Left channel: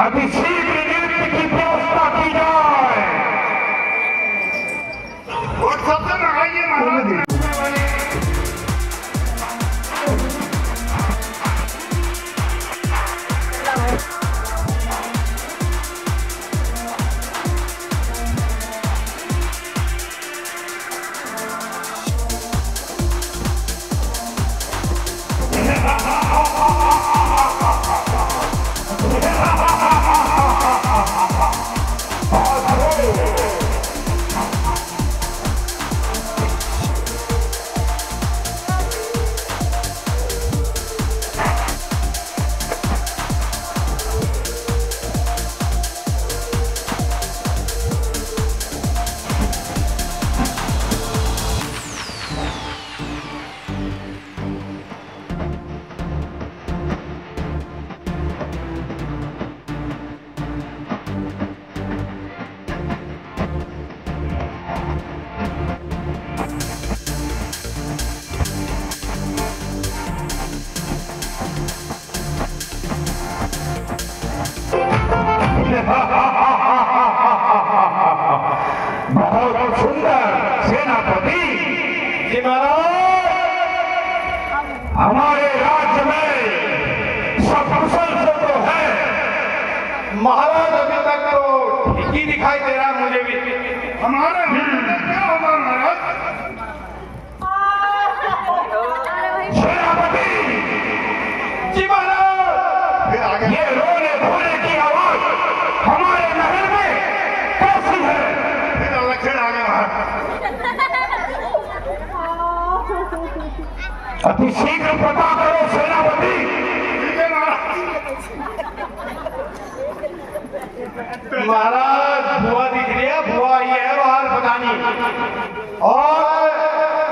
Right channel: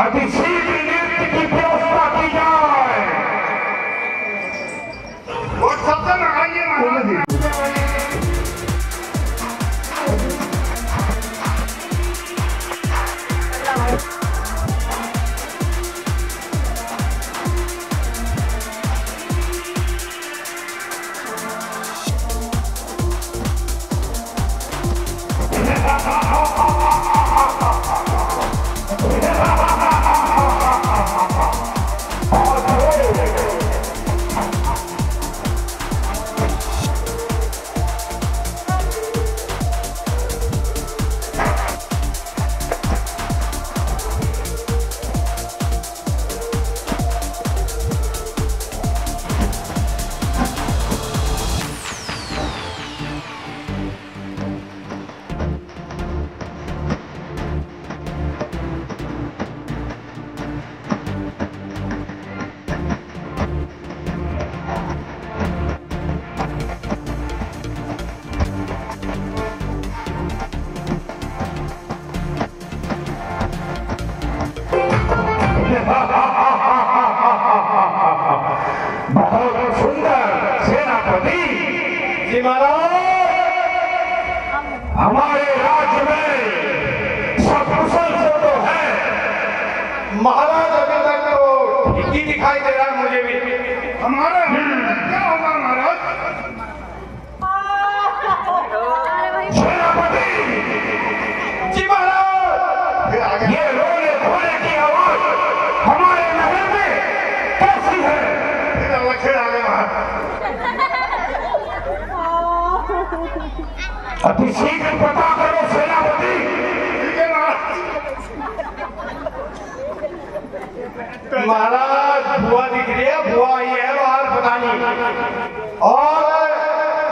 अतिशीघ्र नृत्य की व्यवस्था की जाए। और सबसे लगाइए महाराज। बहुत सुंदर सेनापति जी महाराज, हमारे राज्य में सब कुशल तो है महाराज। अभी तक तो ठीक ही दिखाई दे रहा है मुझे भी। हमारा क्या होगा महाराज? सेनापति जी महाराज, फिर आगे ये रोने धोने की आवाज हमारे महल में कैसी है? फिर आगे महाराज, अति शीघ्र पता करो सेनापति। महाराज बुआ दिख रही है, बुआ आई है बाहर पता नहीं, और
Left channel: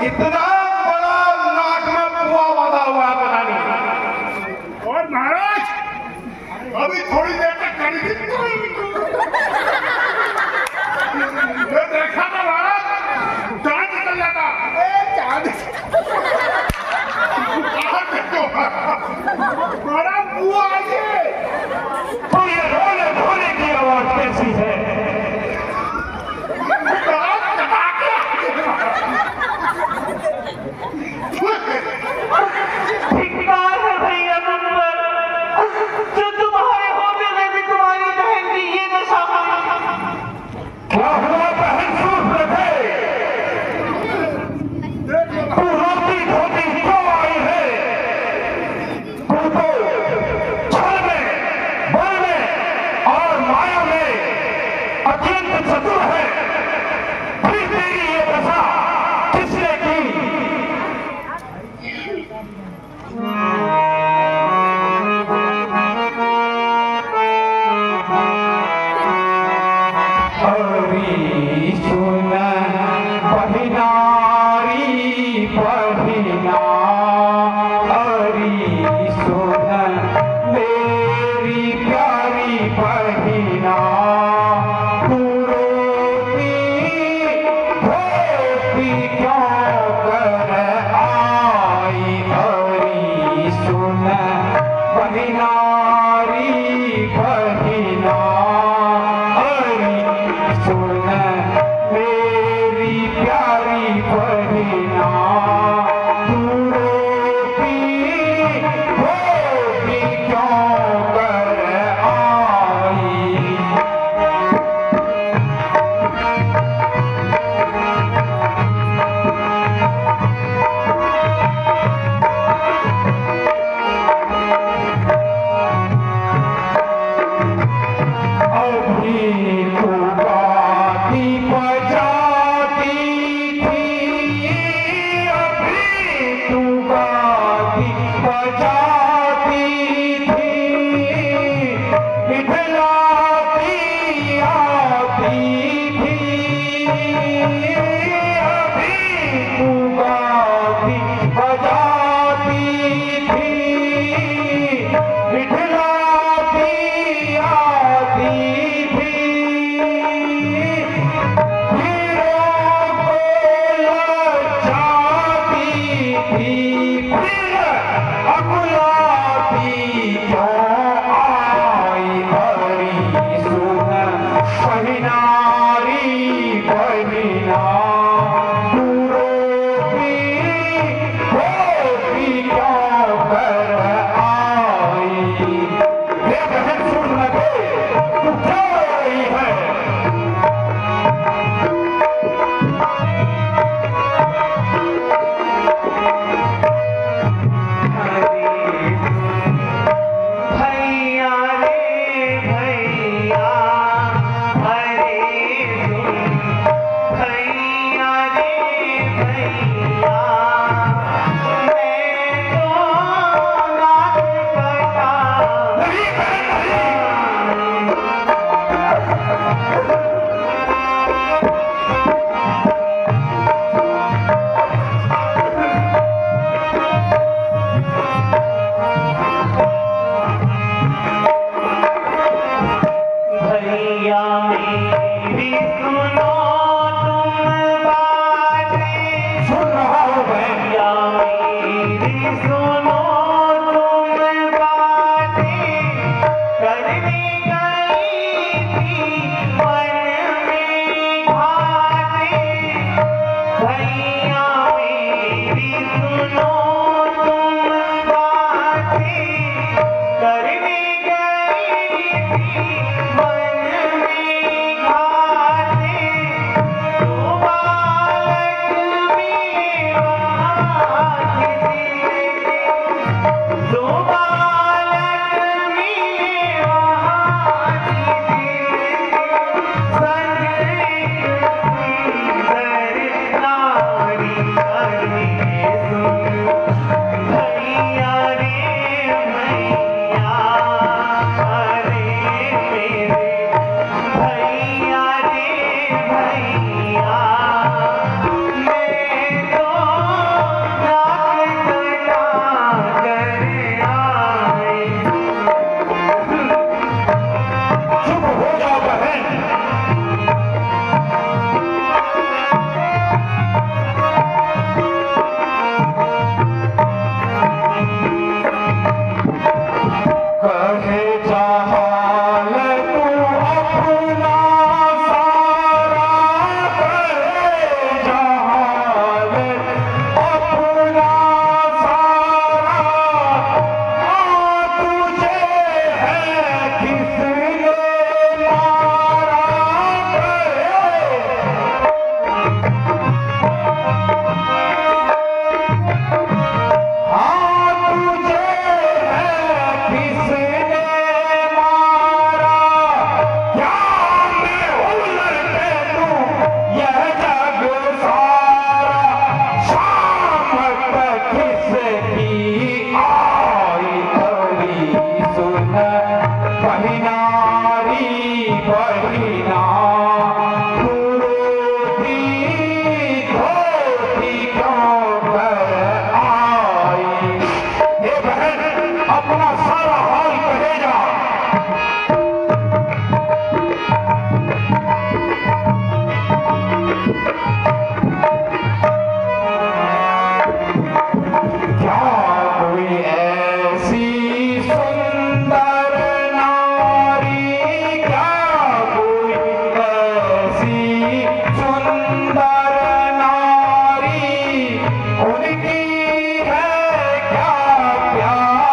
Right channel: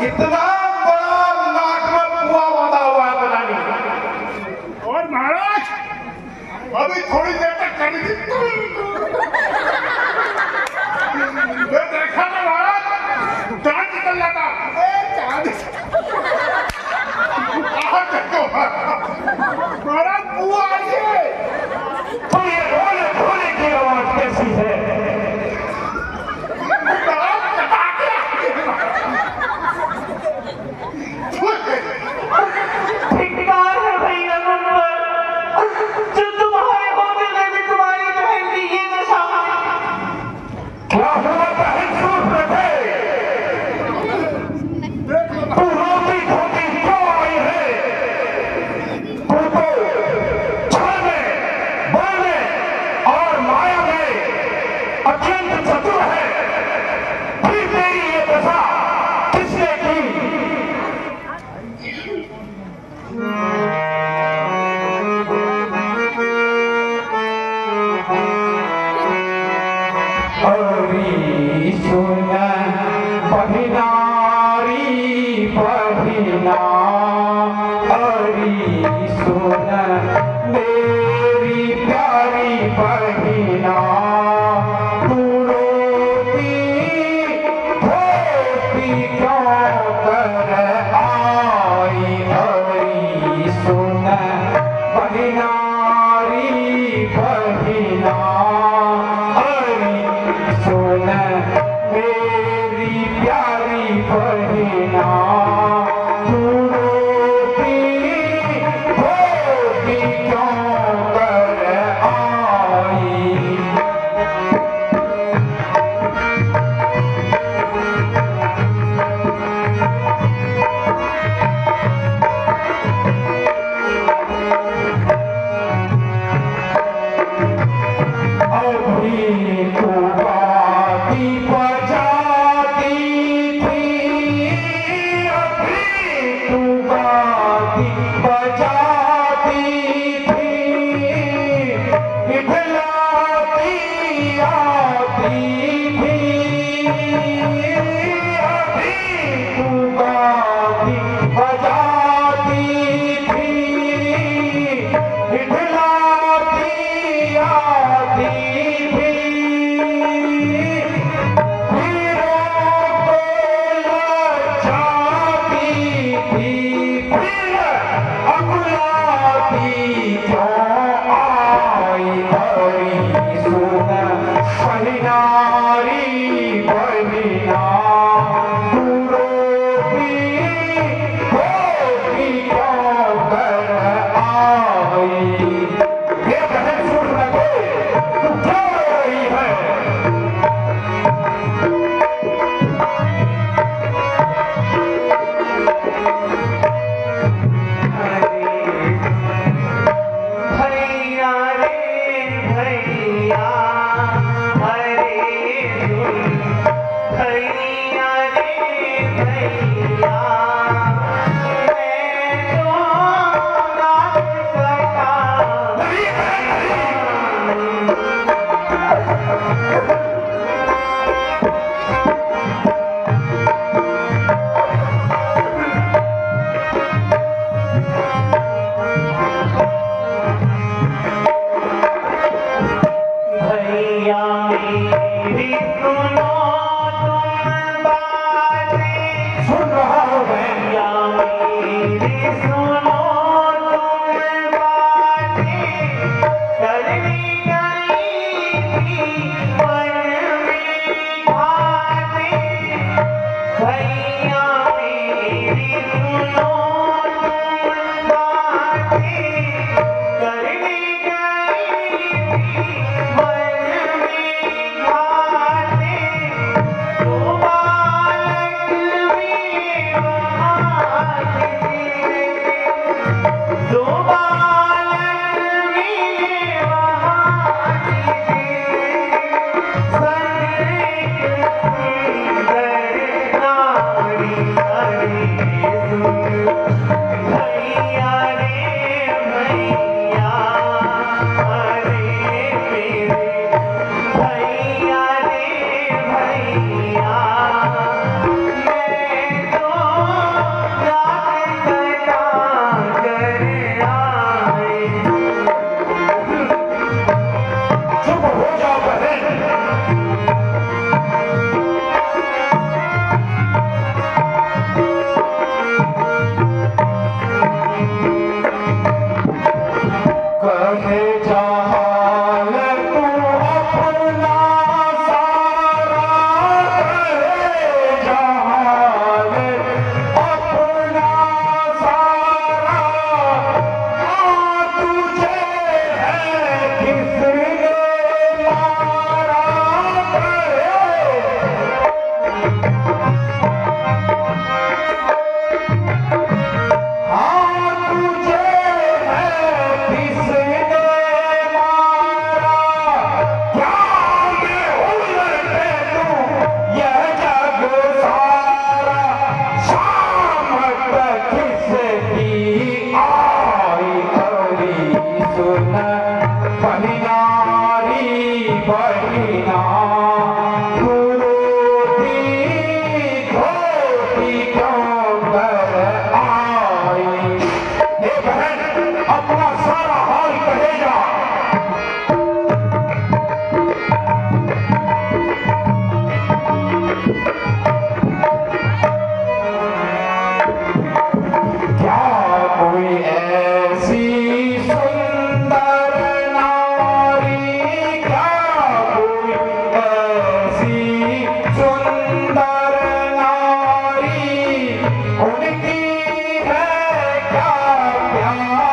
इतना बड़ा नाक में बुआ बांधा हुआ है पता नहीं। और महाराज अभी थोड़ी देर तक खड़ी थी, देखा था महाराज, चांद निकल जाता। महाराज बुआ आई है, तो ये रोने धोने की आवाज कैसी है? धिक्कार है भैया नंबर, जो तुम्हारे होते हुए भी तुम्हारी बहन की ये दशा हुई। क्या हुआ बहन? सूट रखे तू रोती धोती क्यों आई है? तू तो छल में, बल में और माया में अत्यंत चतुर है, फिर तेरी ये दशा किसने की? क्यों आई नारी बहिना तू रोती धोती क्यों कर आई। ये बहन सुन लगे तू क्यों रो रही है। उनकी है क्या प्यार।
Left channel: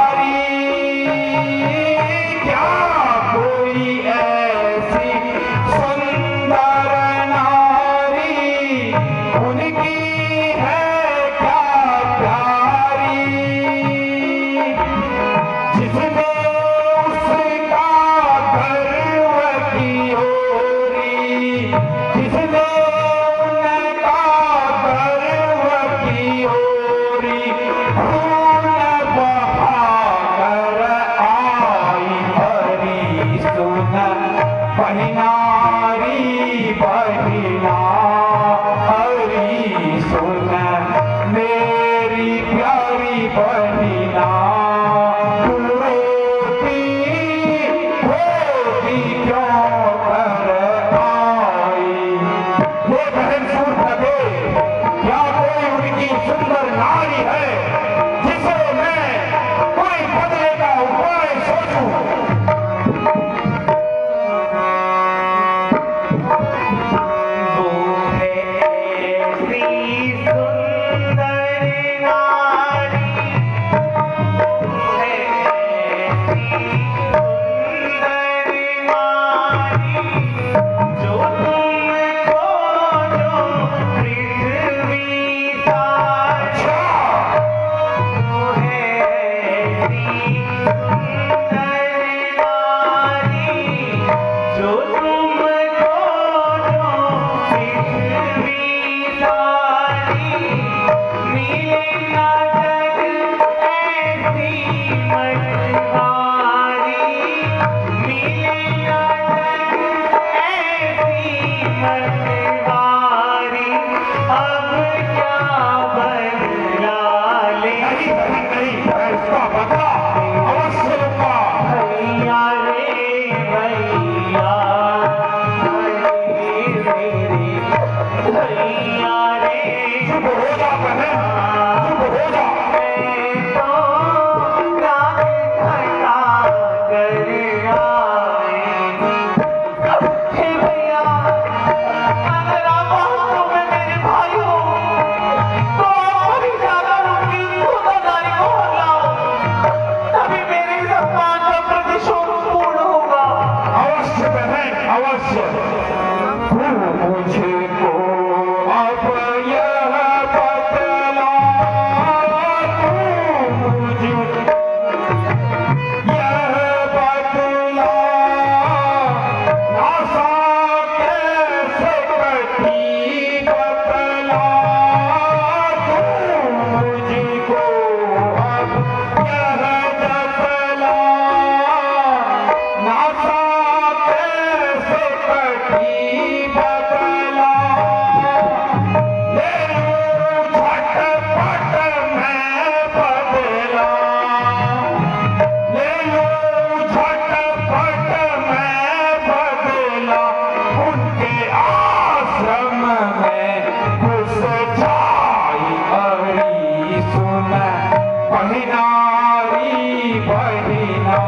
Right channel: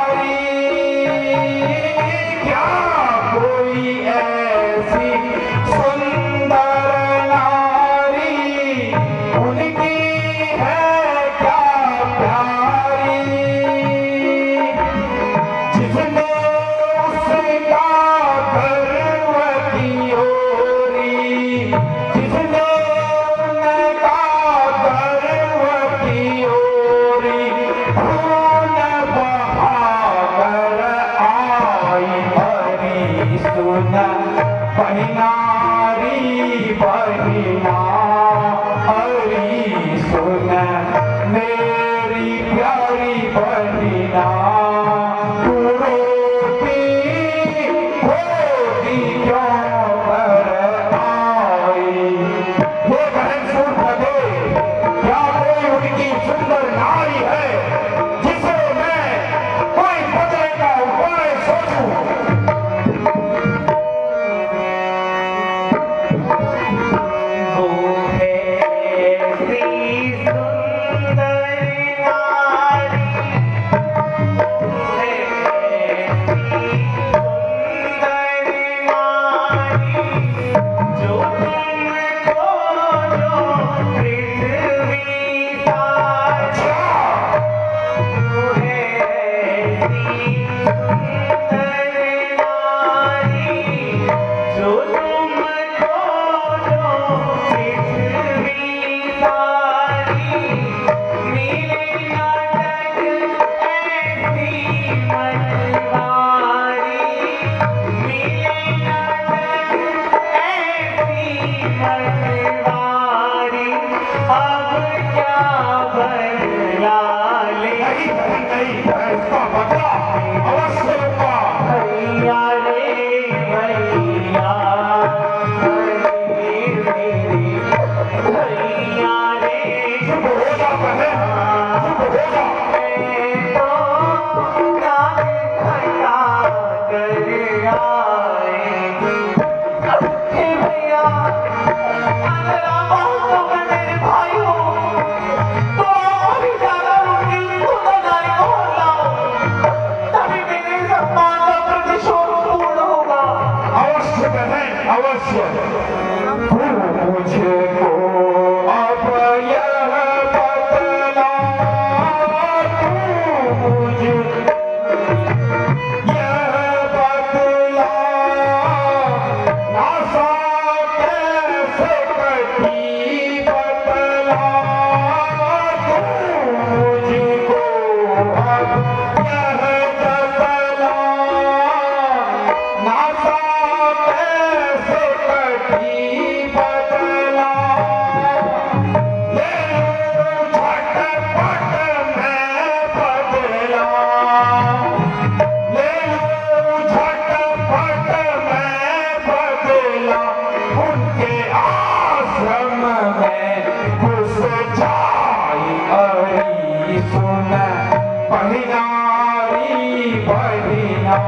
बहिना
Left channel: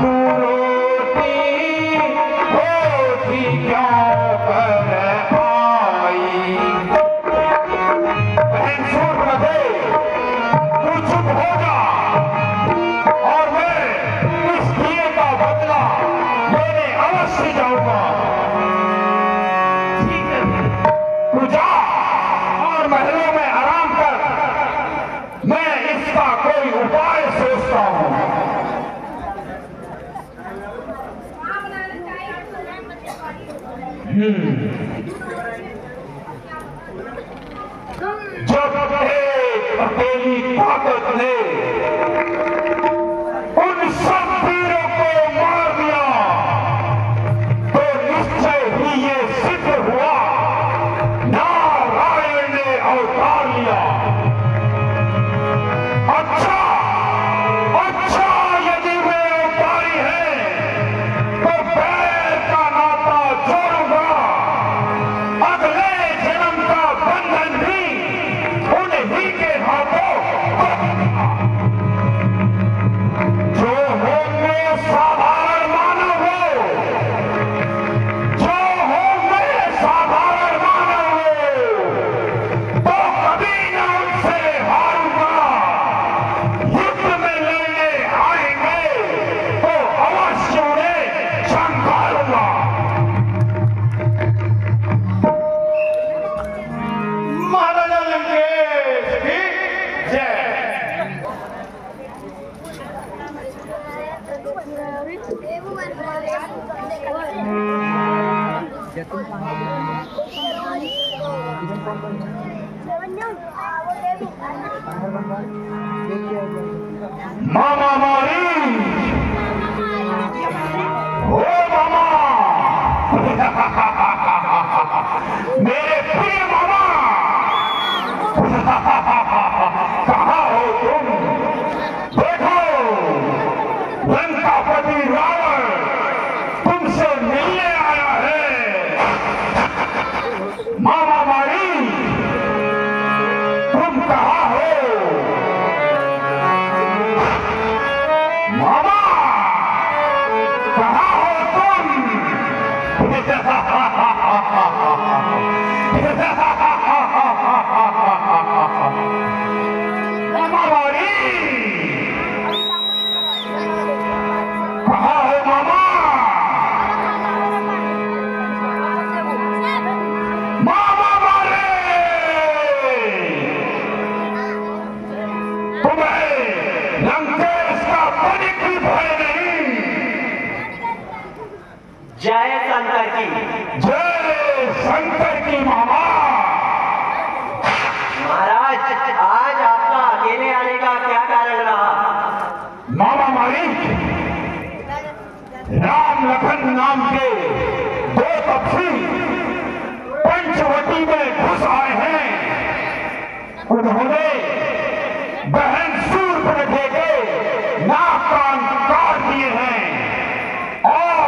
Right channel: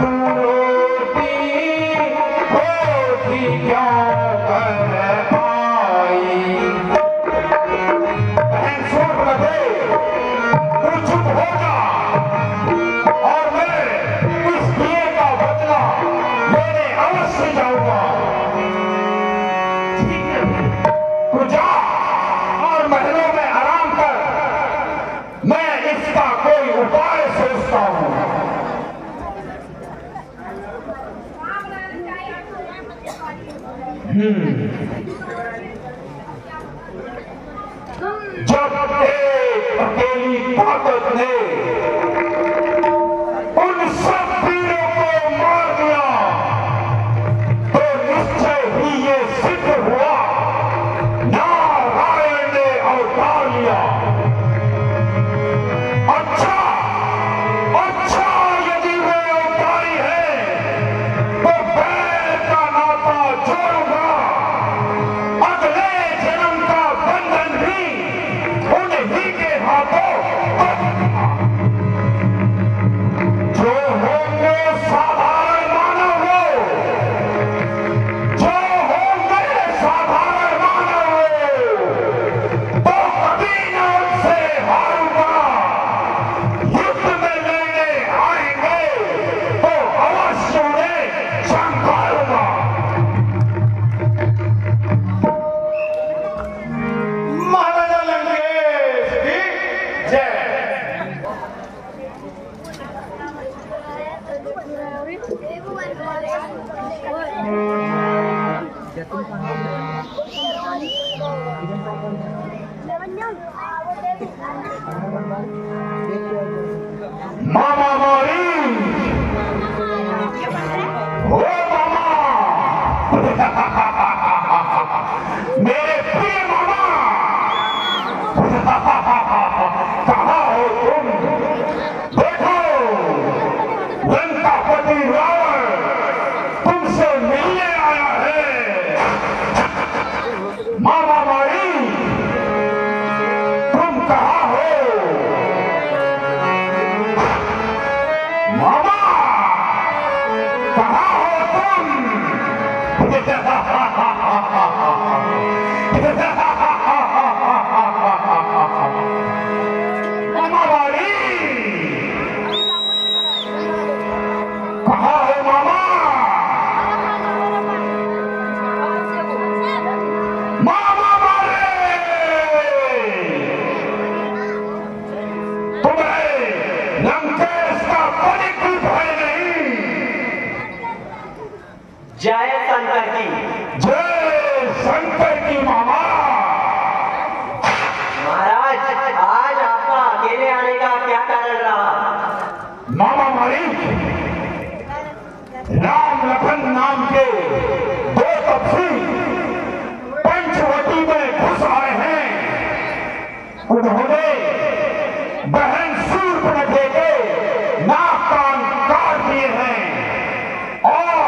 तू रोटी होती क्यों कर आई। बहन सूर लगे तू चुप हो जा और मैं इस दिए का बदला लेने अवश्य जाऊंगा। ठीक है, तू जा और महलों में आराम कर, मैं इसका कोई उपाय सोचता हूं। जब एक अकेली ताकत ने उन सब वीरों को मार दिया तो निश्चय ही ये सिद्ध हुआ नारायण ने अवतार लिया। अच्छा अच्छा, यदि वे अवतारी है तो बैर का नाता जोड़ूंगा, अगले जन्म का बंधन भी उन्हीं के हाथों बंधूंगा। जो होंगे साधारण मानव हो, जो होंगे साधारण मानव हो, तो कभी न उनसे हारूंगा। युद्ध में लड़ने आएंगे तो अवश्य उन्हें संभालूंगा। महाराजा लंकेश की जय। मामा मारी, ओ मामा, मेरे प्रिय मामा, कहाँ हो तुम? देखो, लंकापति रावण तुमसे मिलने आया है। मामा मारी, तुम कहाँ हो? मामा, कहाँ हो तुम? मामा मारी, कहाँ हो मामा? मामा मारे, तुम्हें लंकेश का तनिक भी भय नहीं। जय शंकर की। जय शंकर की मामा। महाराज, आज आपका अकेले आने का क्या कारण रहा? मामा मारी, राम लखन नाम के दो तपसी पंचवटी में घुस आए हैं। उन्होंने बहन सूर्पनखा के नाक कान काट दिए हैं और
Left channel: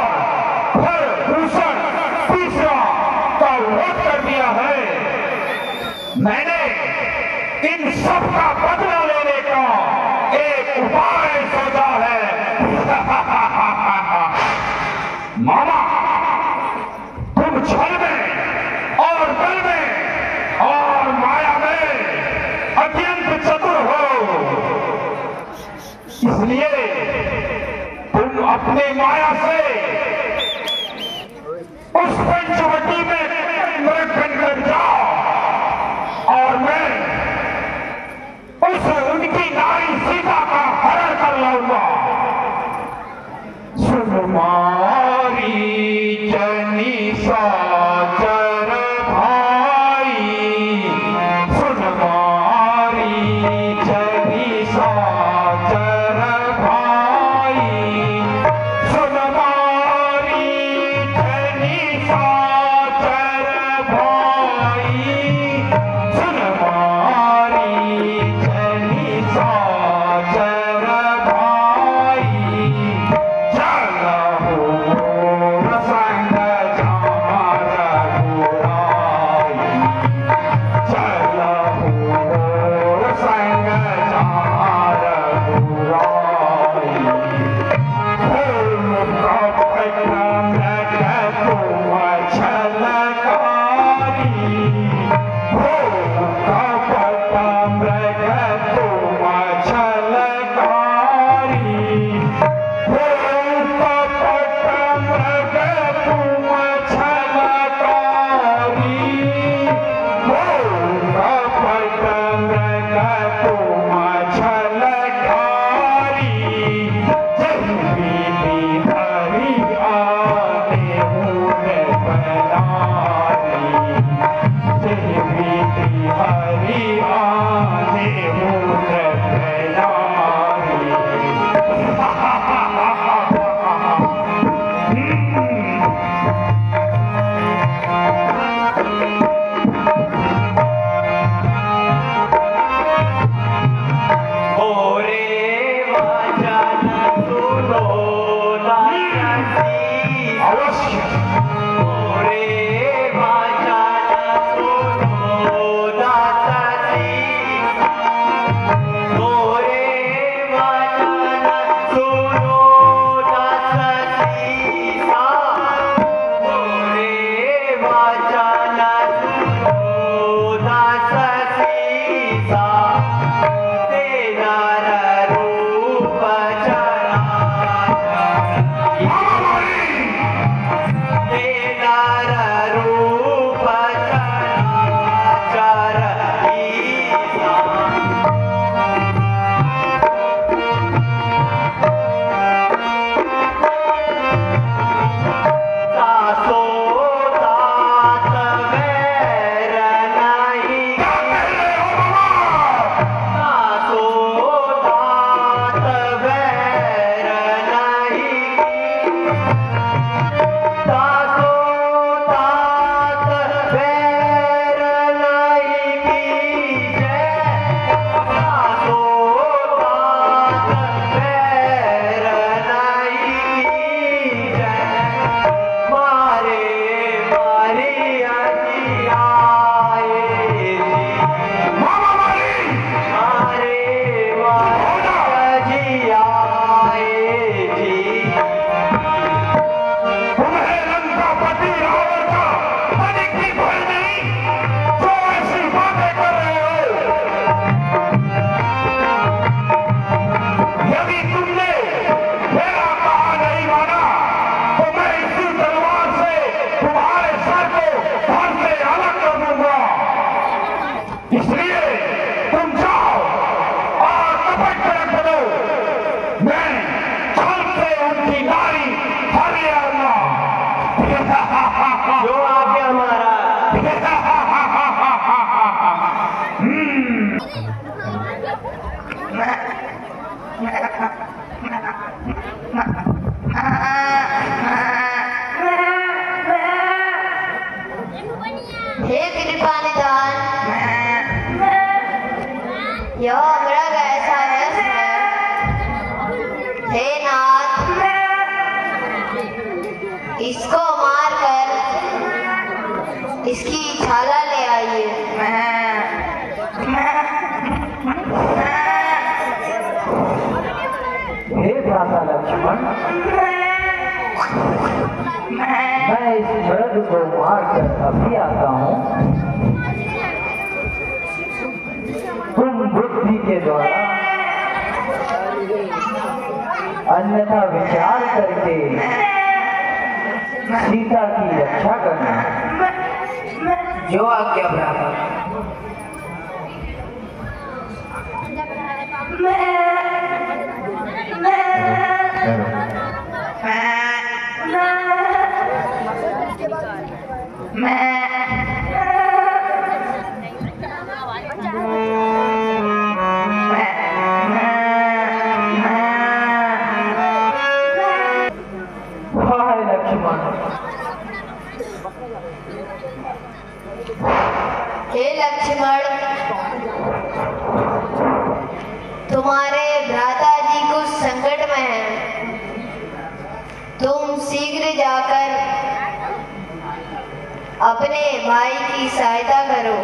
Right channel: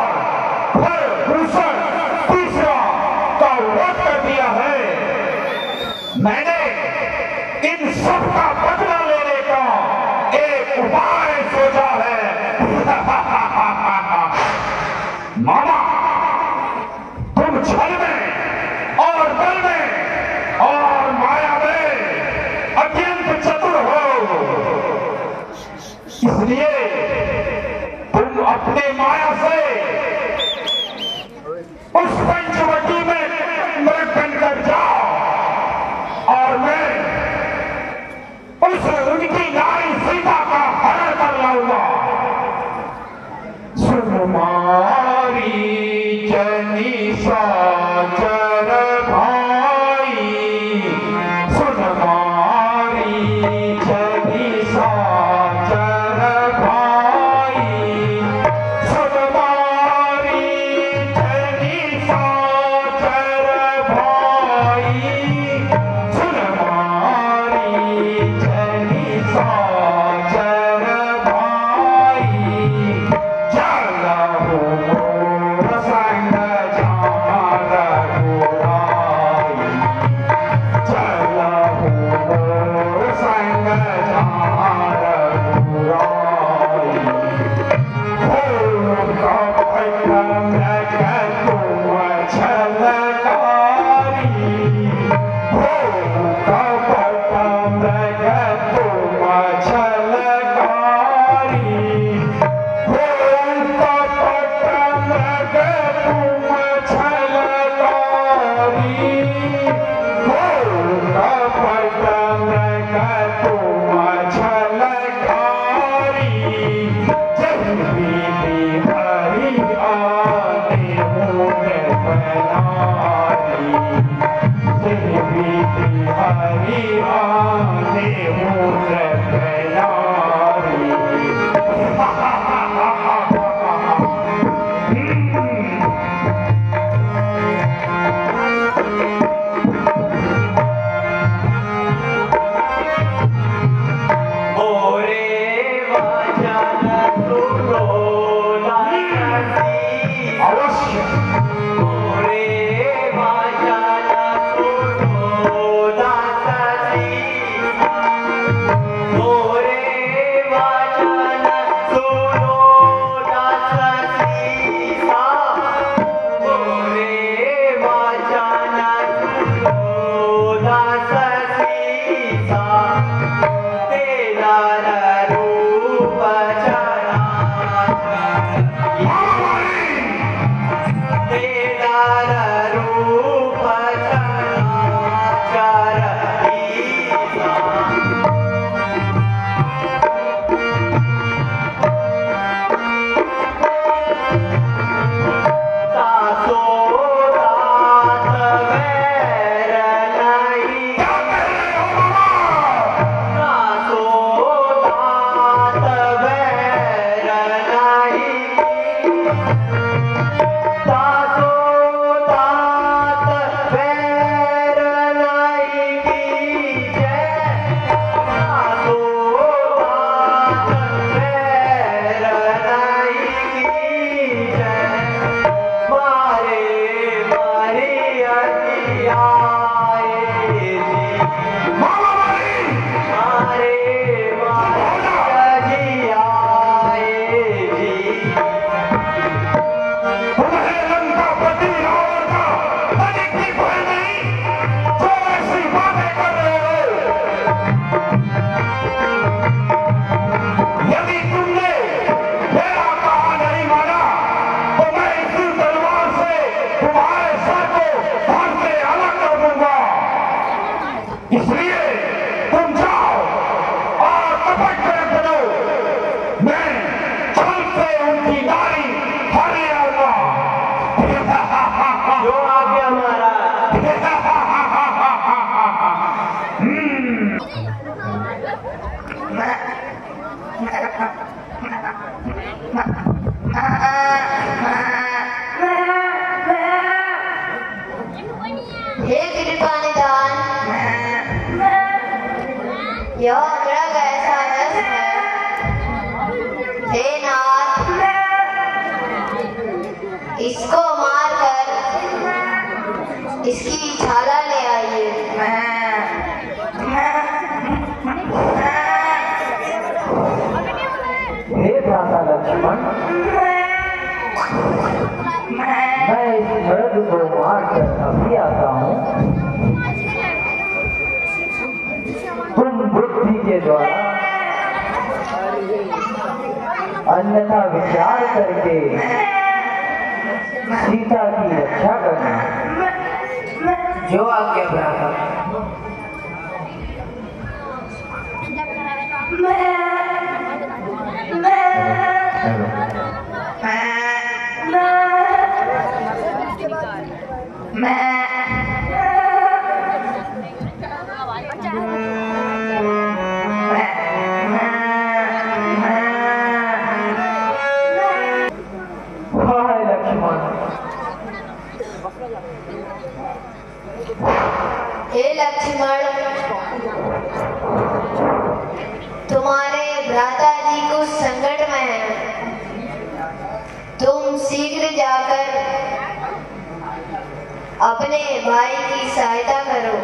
फिर दूसरा तीसरा का वध कर दिया है। मैंने इन सब का बदला लेने का एक उपाय सोचा है। मामा, तुम छल में और बल में और माया में अत्यंत चतुर हो, इसलिए तुम अपने माया से उस पंचवटी में मृगन कर जाओ और मैं उनकी नारी सीता का हरण कर लाऊंगा। सुकुमारी जनी साचर भाई, सुकुमारी जनी साचर भाई, सुकुमारी जनी साचर भाई, सुकुमारी जनी साचर भाई, चलो रसंग जा छल से उनकी नारी हर ले आऊंगा। जो आज्ञा महाराज। हे कृपा निधान, यह मृग ऐसा नष्ट है। हे नाथ, इसको मारकर इसकी छाला ले आइए। हे भ्राता लक्ष्मण, मैं इस मृग को मारकर अभी आता हूँ। तुम बुद्धि के द्वारा अन्यथा विचार करके सीता की रक्षा करना। जो आज्ञा भ्राता। हाय लक्ष्मण। हे लक्ष्मण, तुम्हारे भ्राता जी कुछ संकट में हैं। तुम शीघ्र जाकर अपने भाई की सहायता करो।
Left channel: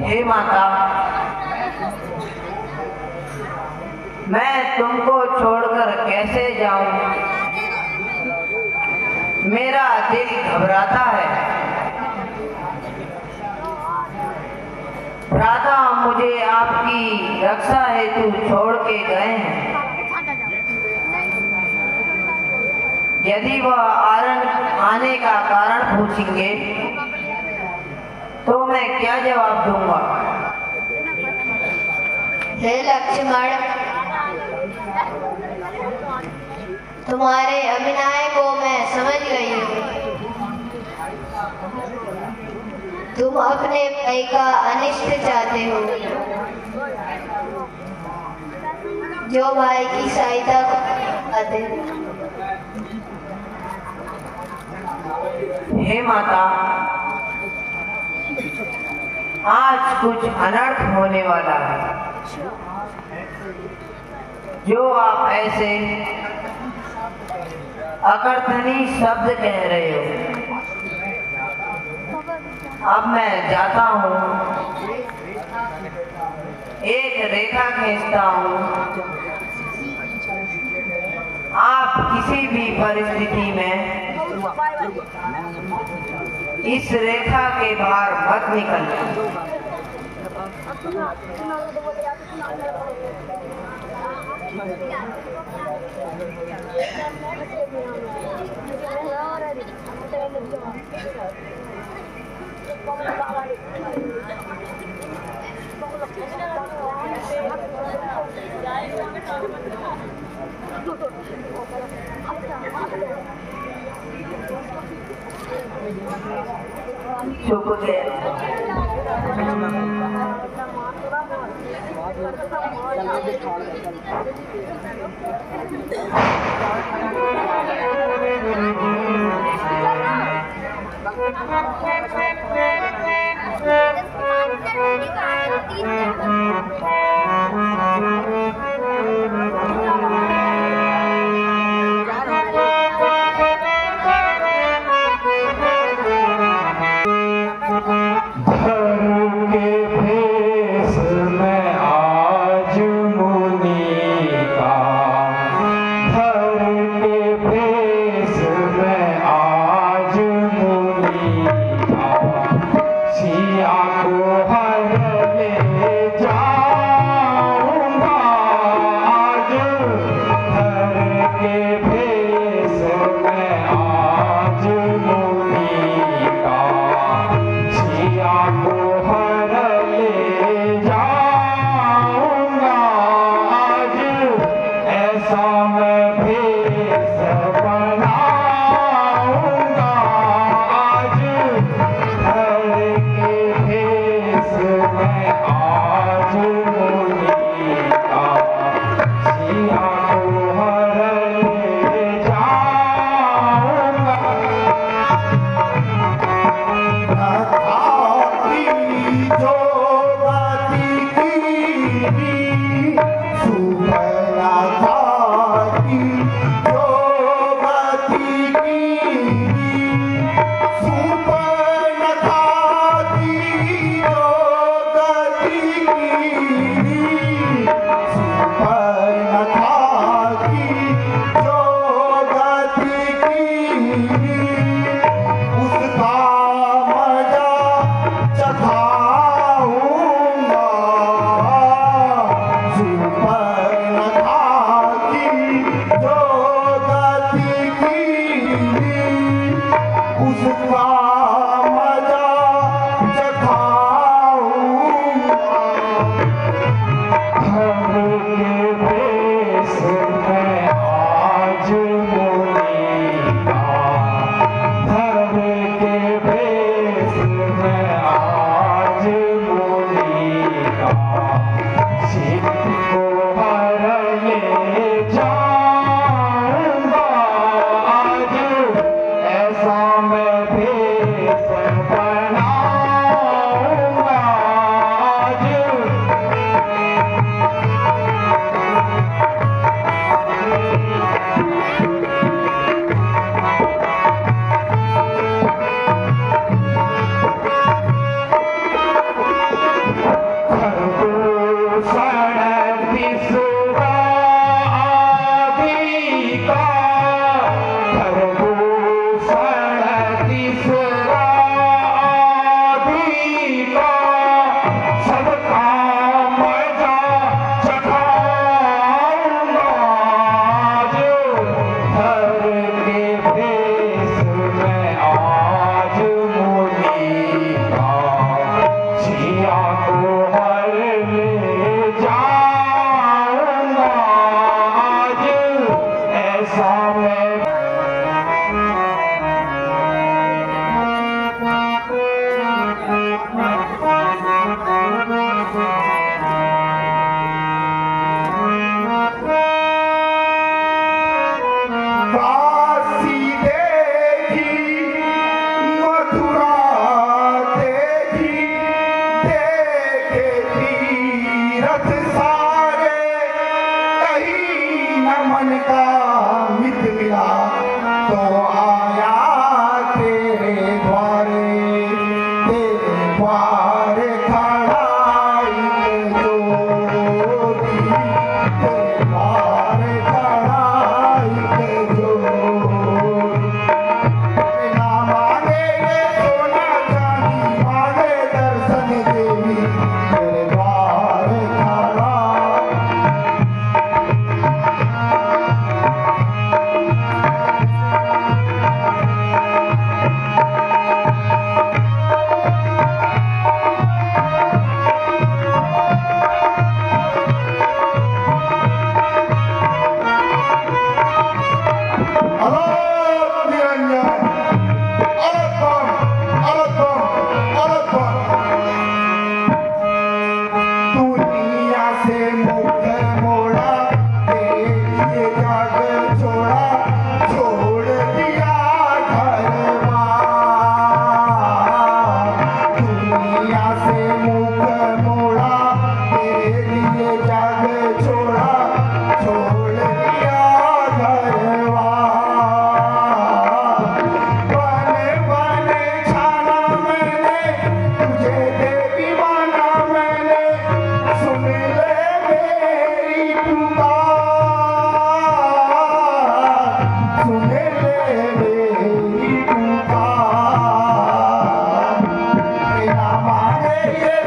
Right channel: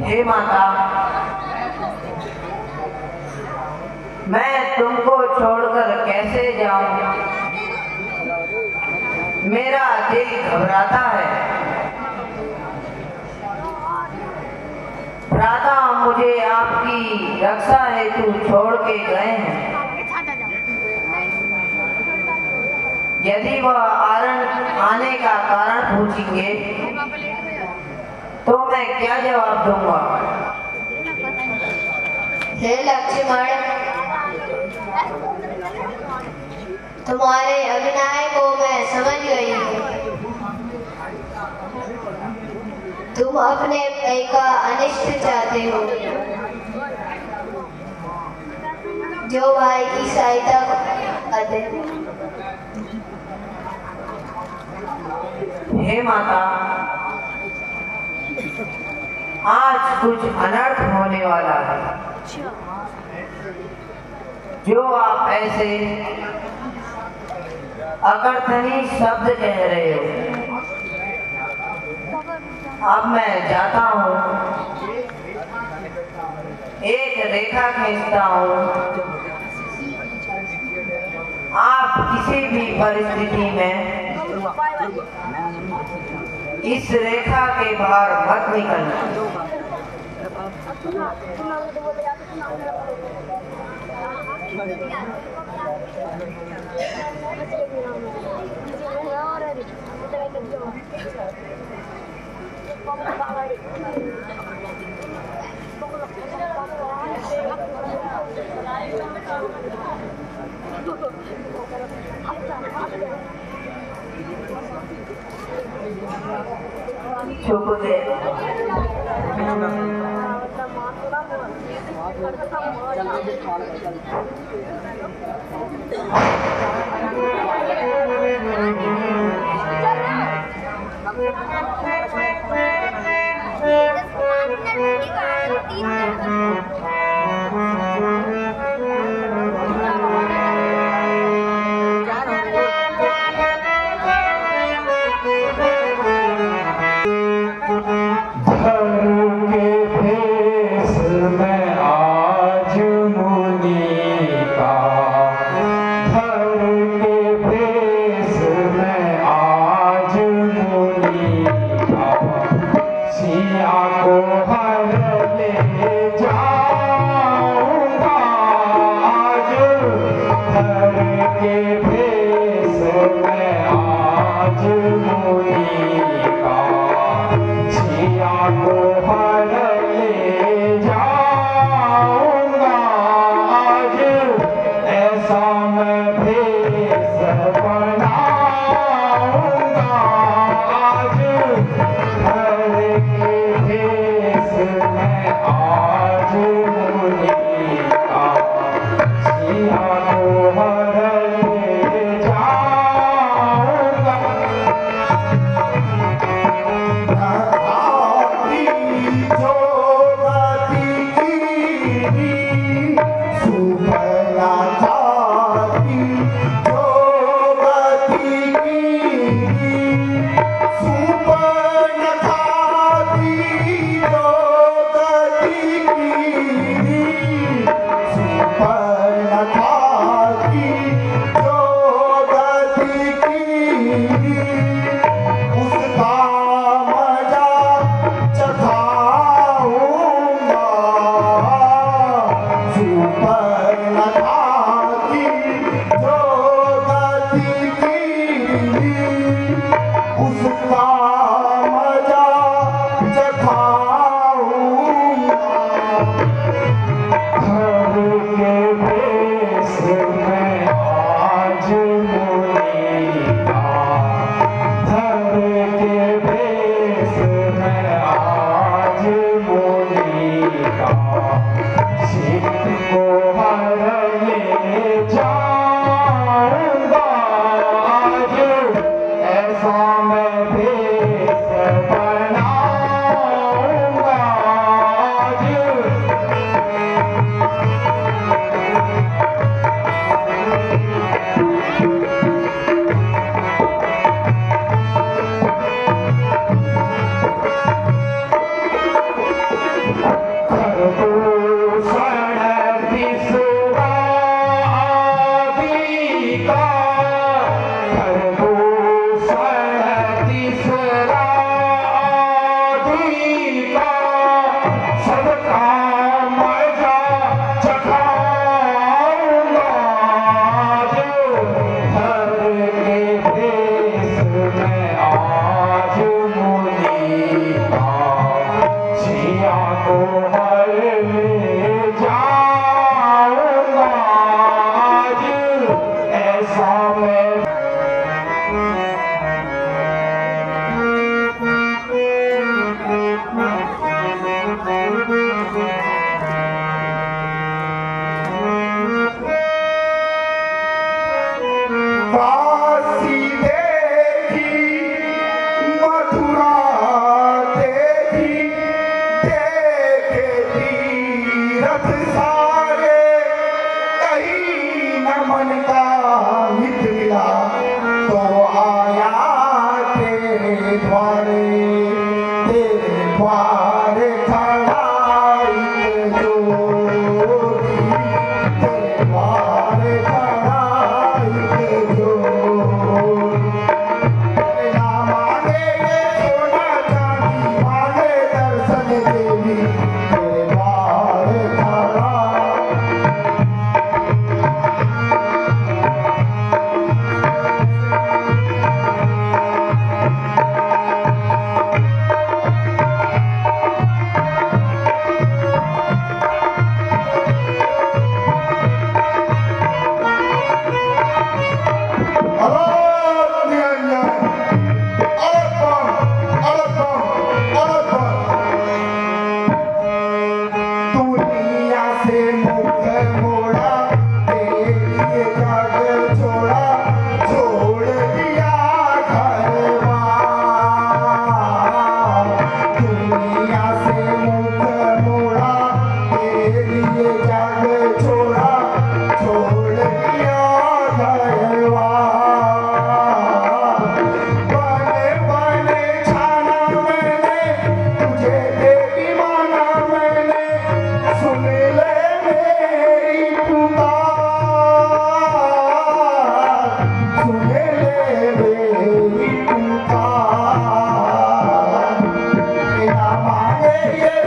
हे माता, मैं तुमको छोड़कर कैसे जाऊं? मेरा दिल घबराता है। भ्राता मुझे आपकी रक्षा हेतु छोड़ के गए हैं। यदि वह आने का कारण पूछेंगे तो मैं क्या जवाब दूंगा? हे लक्ष्मण, तुम्हारे अभिनय को मैं समझ गई हूँ। तुम अपने भाई का अनिष्ट चाहते हो, जो भाई की सहायता करते। हे माता, आज कुछ अनर्थ होने वाला है। जो आप ऐसे अकर्थनीय शब्द कह रहे हो, अब मैं जाता हूँ, एक रेखा खींचता हूँ। आप किसी भी परिस्थिति में इस रेखा के बाहर मत निकलना। चुप गया। सिया को हर ले जा।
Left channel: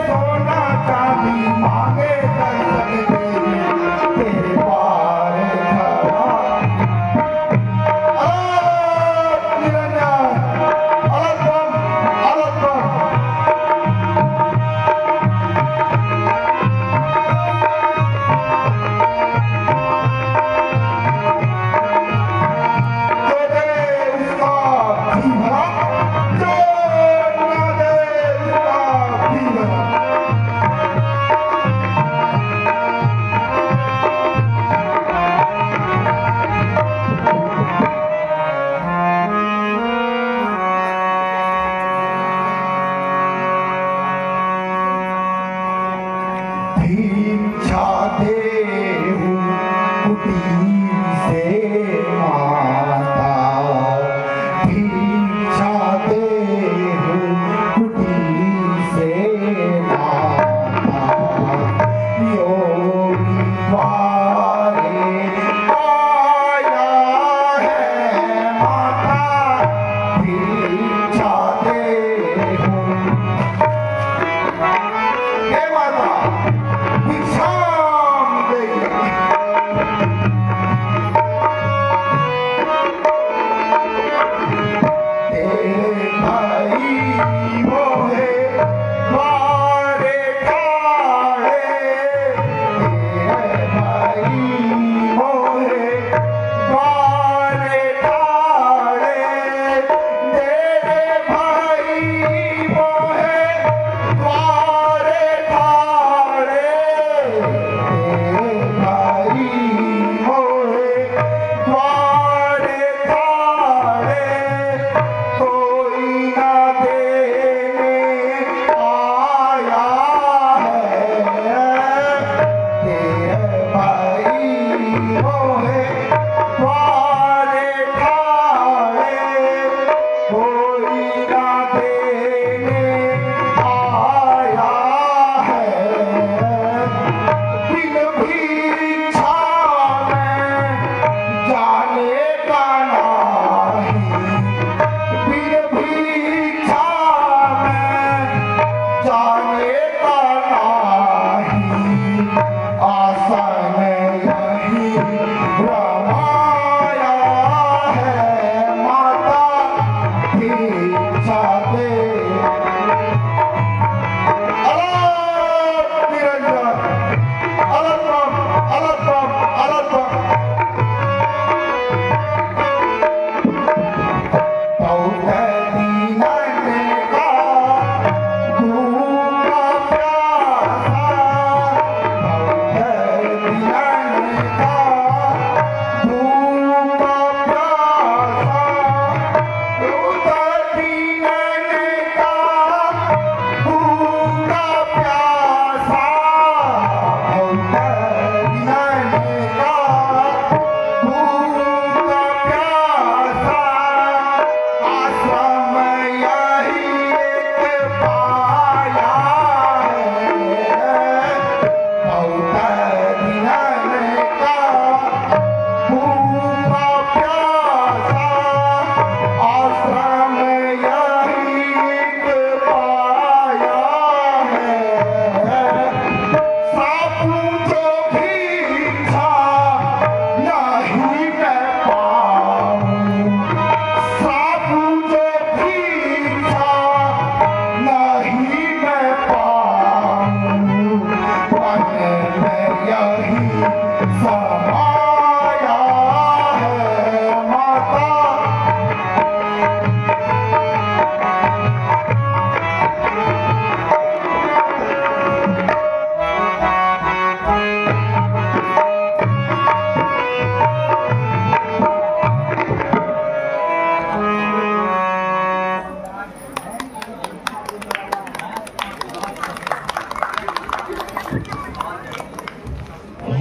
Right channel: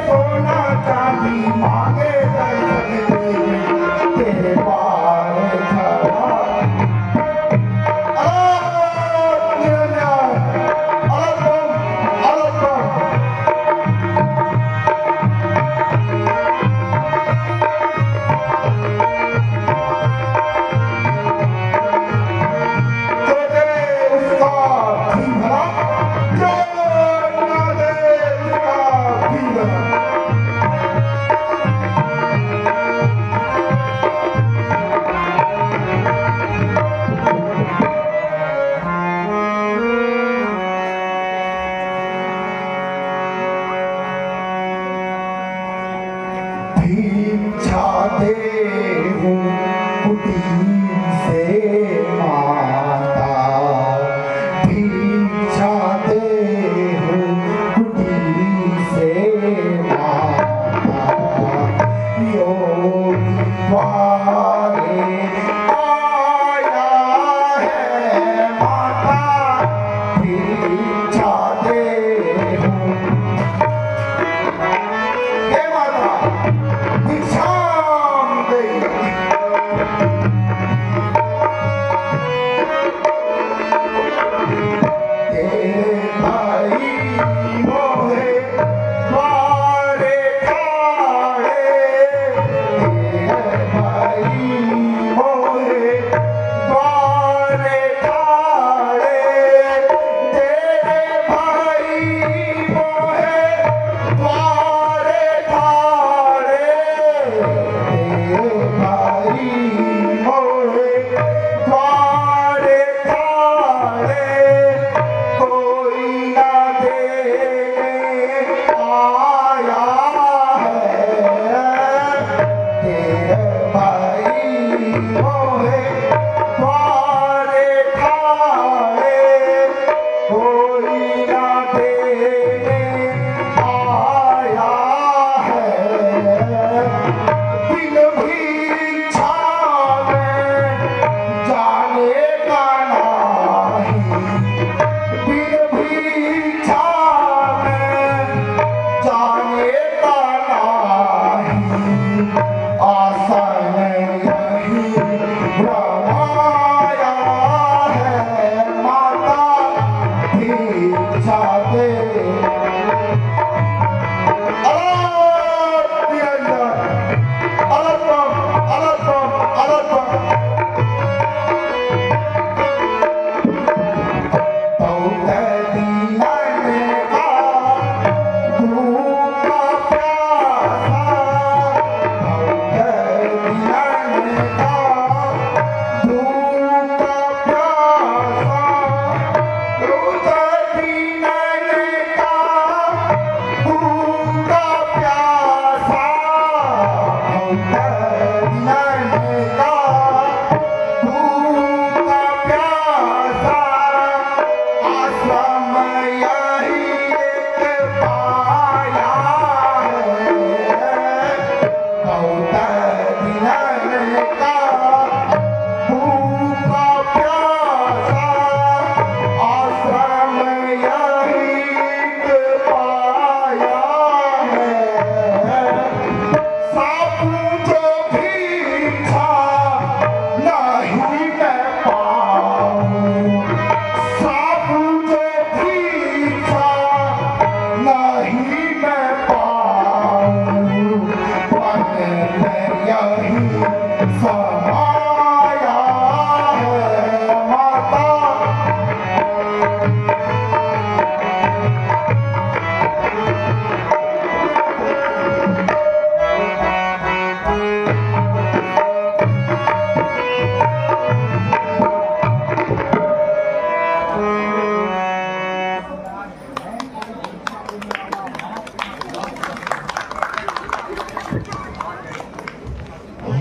सोना चांदी मांगे दर्शन दे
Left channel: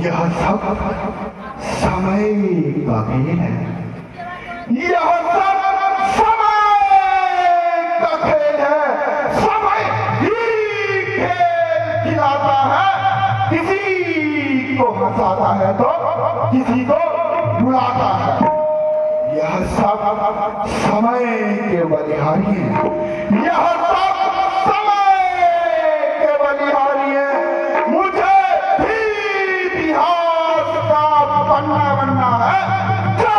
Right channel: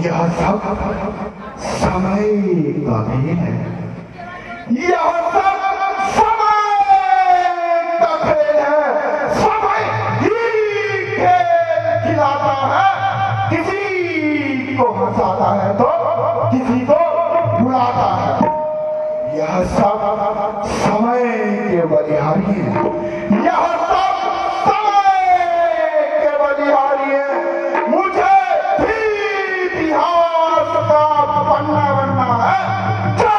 यह सब समय का खेल है। यह सब समय का खेल है। समय ही खेल खिलाता है, किसी को हंसाता है तो किसी को रुलाता है। यह सब समय के बलिहारी है। यह सब समय के बलिहारी है। मुझे भी इतिहास का पन्ना बनना है। जो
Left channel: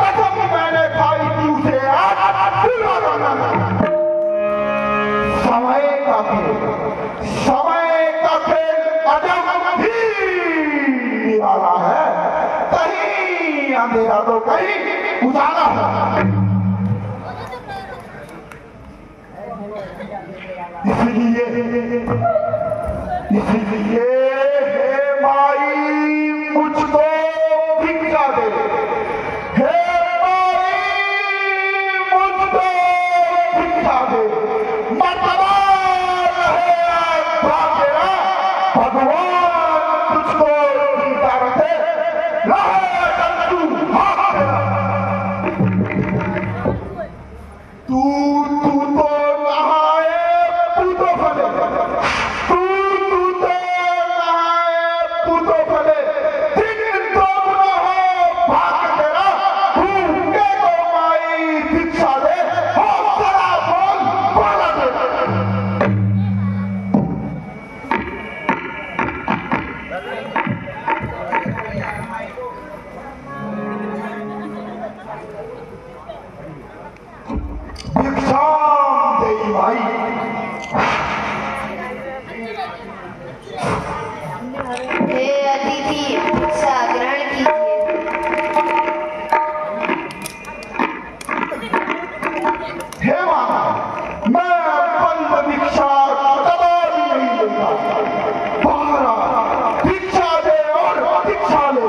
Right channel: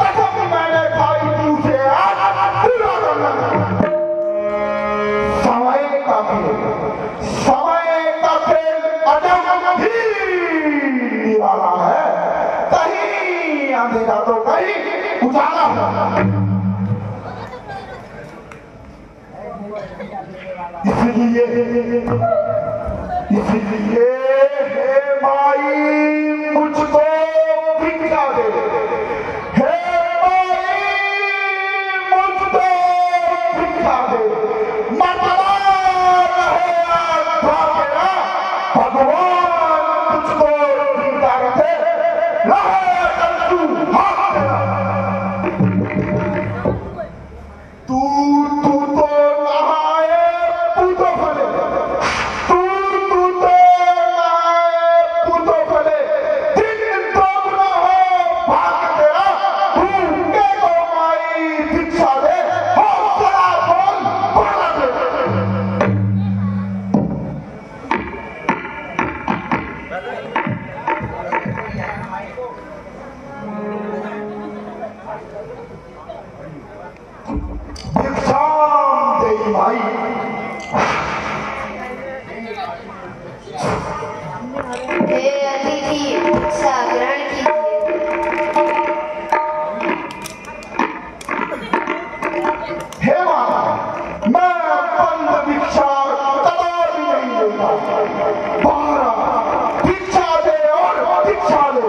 कसम मैंने खाई थी उसे आज पूरा करना है। समय का खेल अजब ही निराला है। कहीं अंधेरा तो कहीं उजाला है। इसलिए हे माई मुझको भिक्षा दे। हे माई मुझको भिक्षा दे। मर्तबा रहे आत्मा तेरा, भगवान तुझको जीता रखे। रहे तू हाथ तेरा। तू तो नहाए तू तो भले। तू तो भिक्षाम देई भाई। हे अतिथि भिक्षा ग्रहण कीजिए। हे माता, मैं बंद भिक्षा कदापि नहीं लेता। बाहर भिक्षा दे और भिक्षा ले।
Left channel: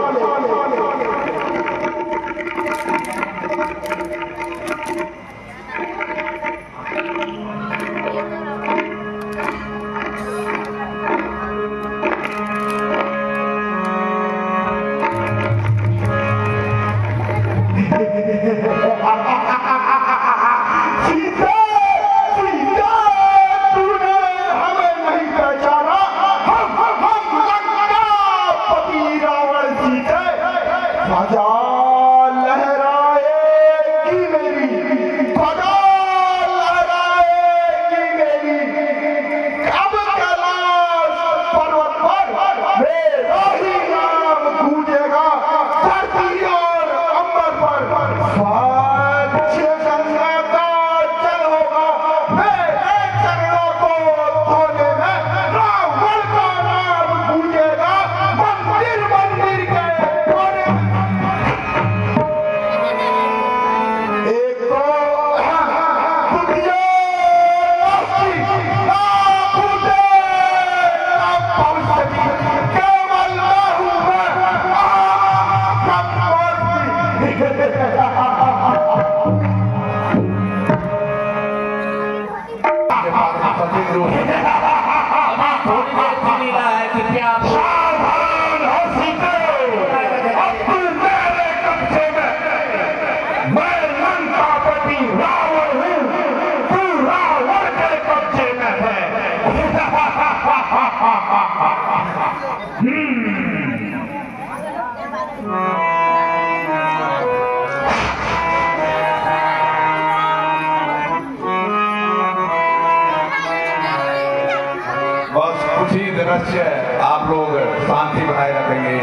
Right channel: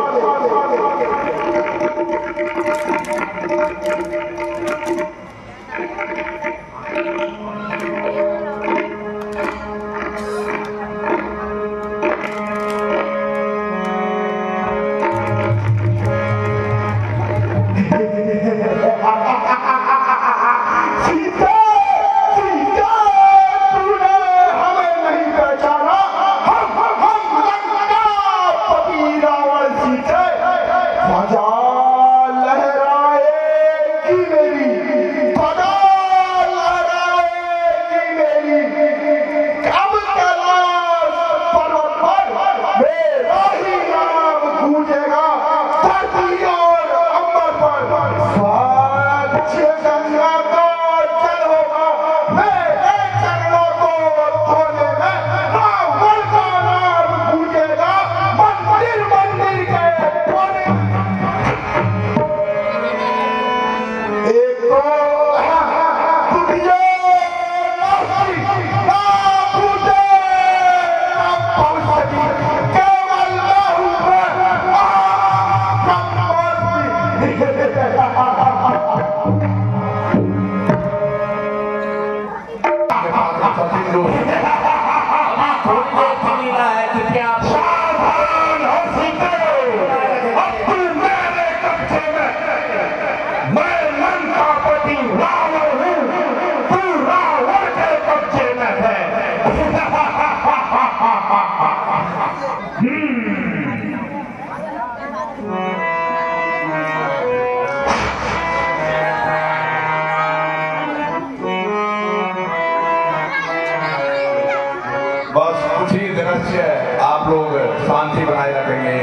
बस कुछ ही दिन से आप लोग शांति बनाए रखेंगे।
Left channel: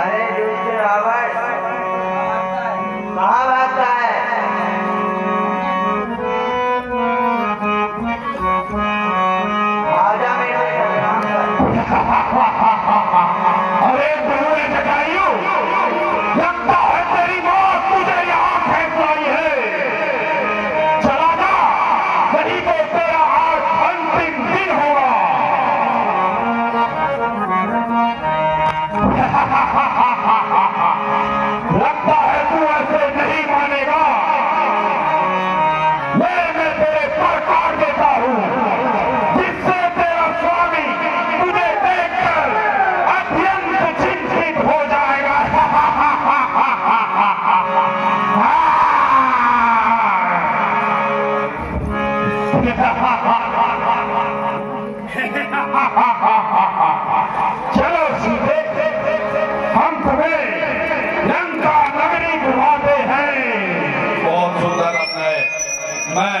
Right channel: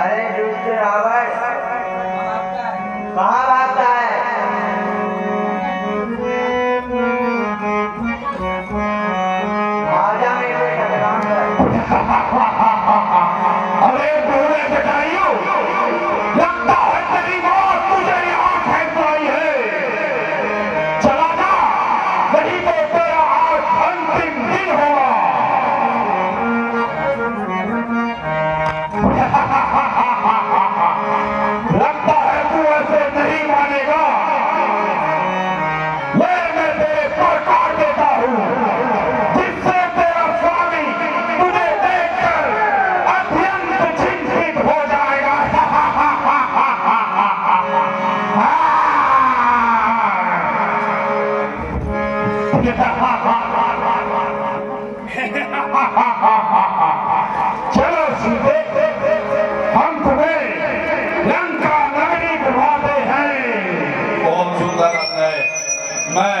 अरे दूसरे आवाज कहाँ भागता है? आजा मेरे अरे दूल्हे जटायु, लगता है तेरी माँ तुझे यहाँ फेंक लाई है। चला जा, नहीं तो तेरा आज अंतिम दिन होगा। लगता है तू ऐसे नहीं मानेगा। मैं तेरे पर काट देता हूँ, जिससे तेरा स्वामी तुझे देखकर अत्यंत चिंतित हो जाएगा। चलो सीधे, हम तुम्हें लंका नगरी बुलाते हैं। बहुत सुंदर आपने, मैं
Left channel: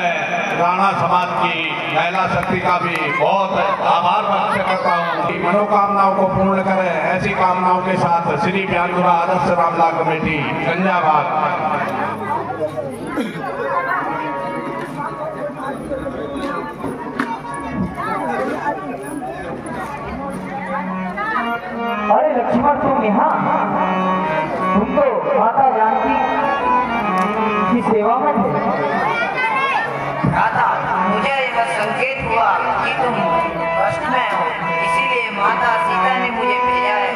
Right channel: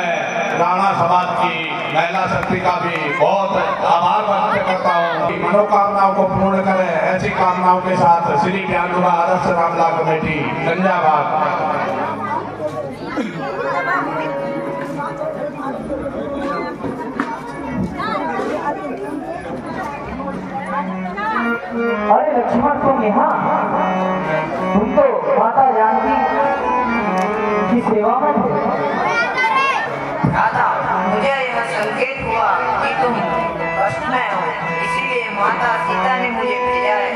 राणा समाज की महिला शक्ति का भी बहुत आभार व्यक्त करता हूँ कि मनोकामनाओं को पूर्ण करे। ऐसी कामनाओं के साथ श्री ब्याजुला आदर्श रामला कमेटी गंजाबाद। अरे लक्ष्मण तुम यहाँ, तुम तो माता जानकी की सेवा में थे। राधा, मुझे यह संकेत हुआ कि तुम कष्ट में हो, इसीलिए माता सीता ने मुझे भेजा है।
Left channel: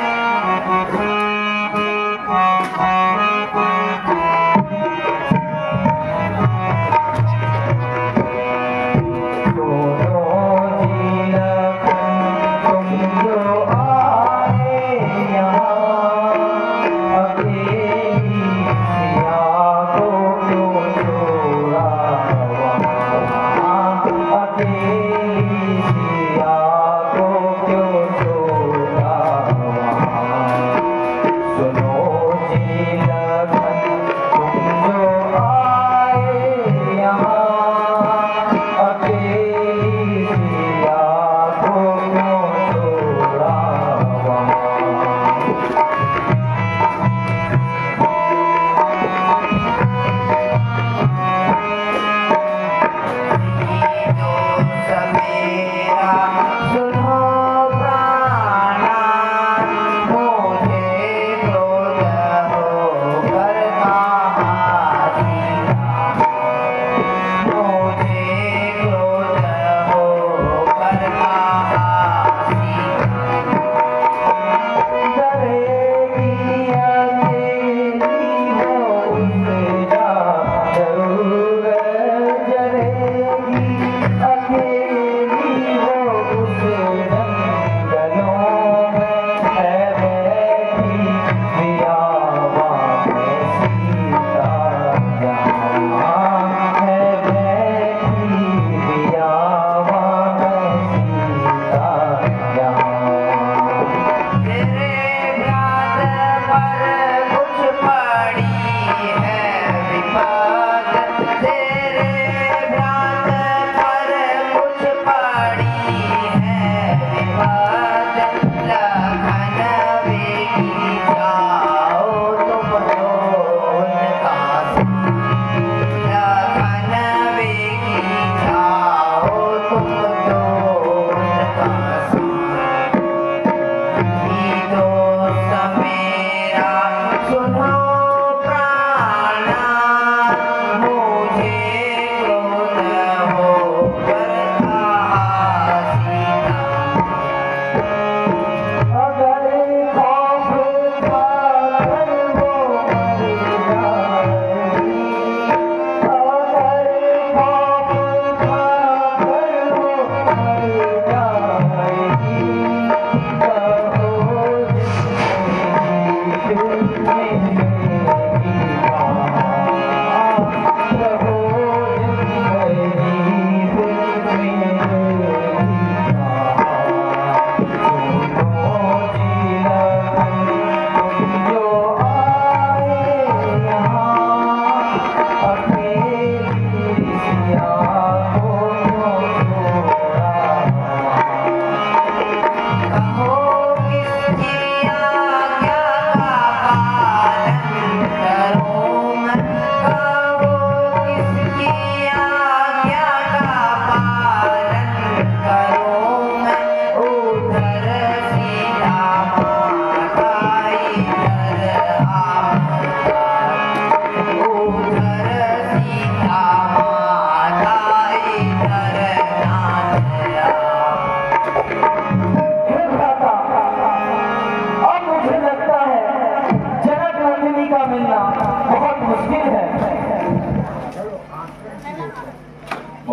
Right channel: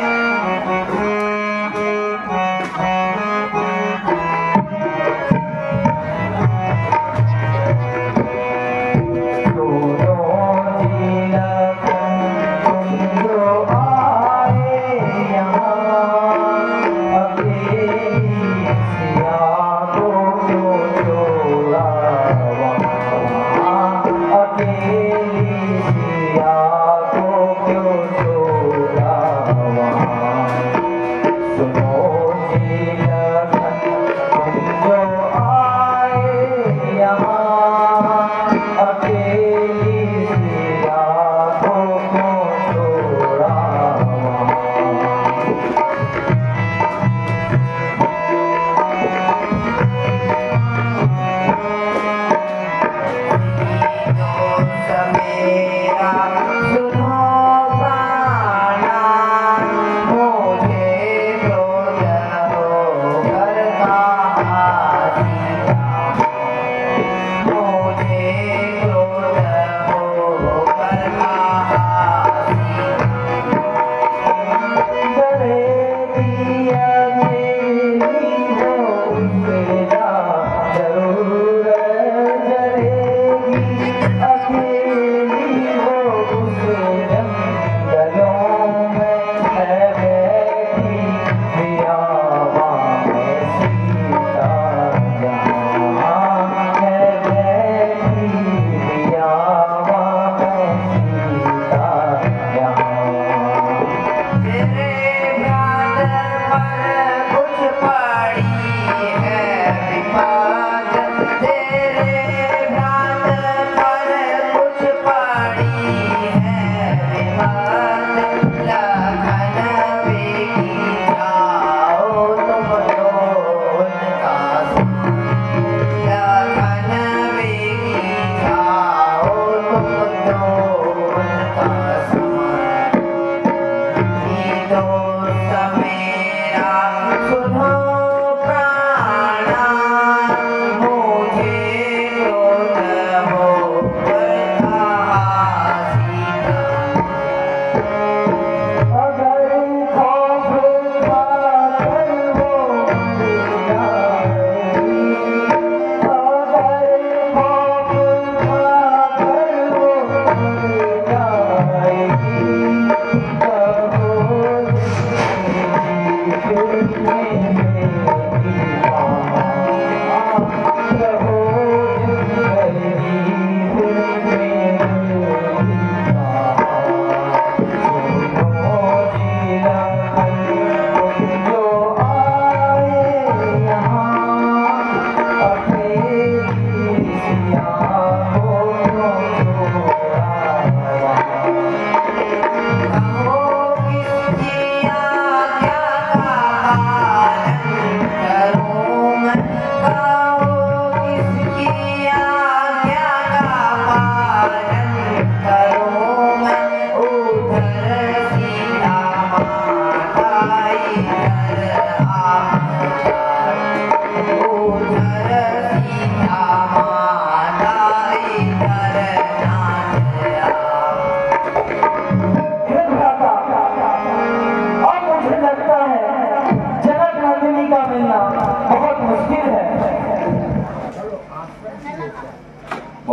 तो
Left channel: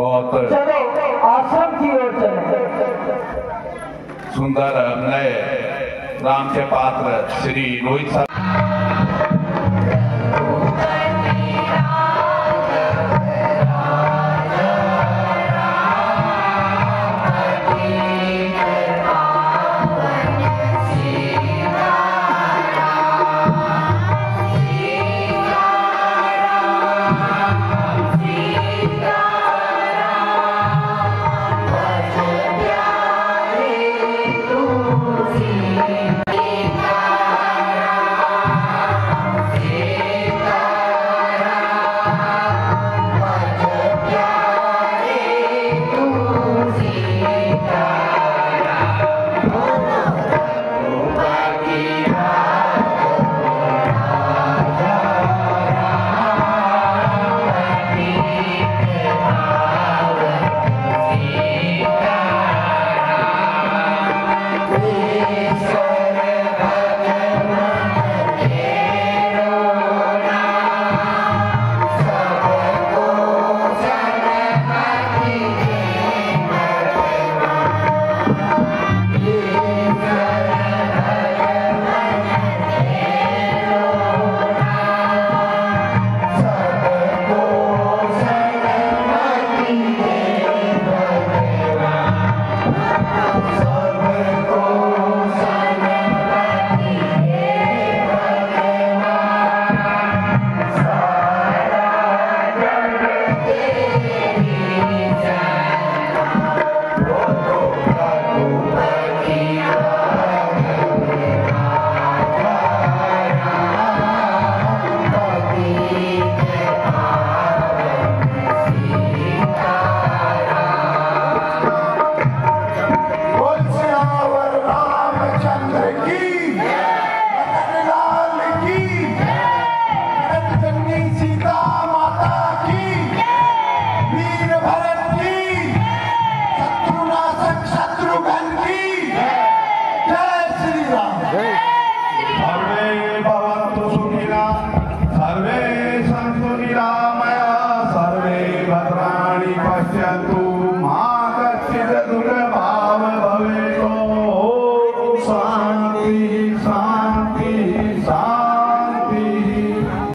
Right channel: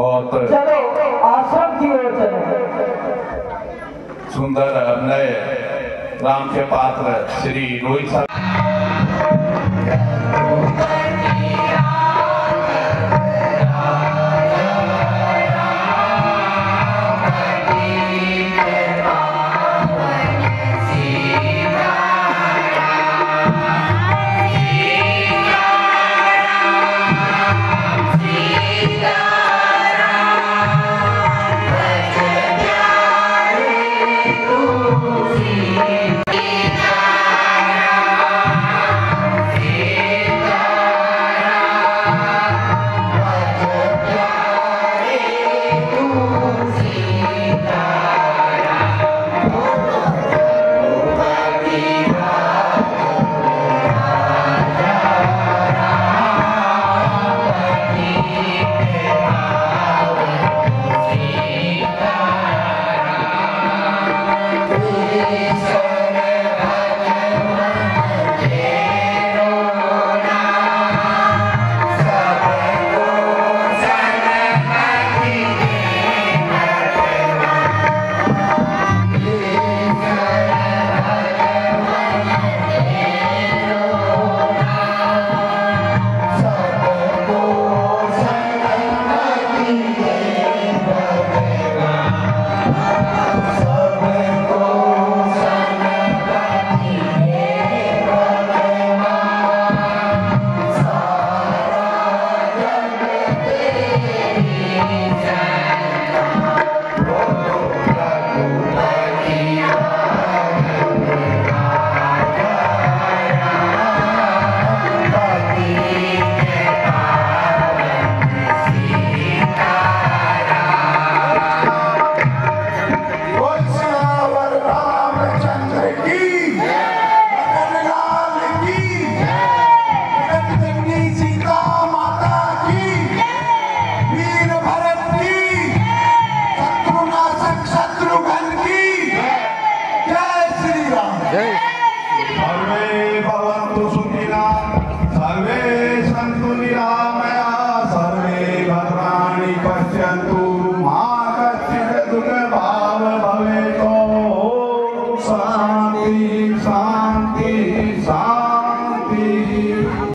बहुत चलो आश्रम की ओर चले। सुंदर नए राम के पात्र श्री रोहित साहब सर्वे भद्राणि पश्यन्तु।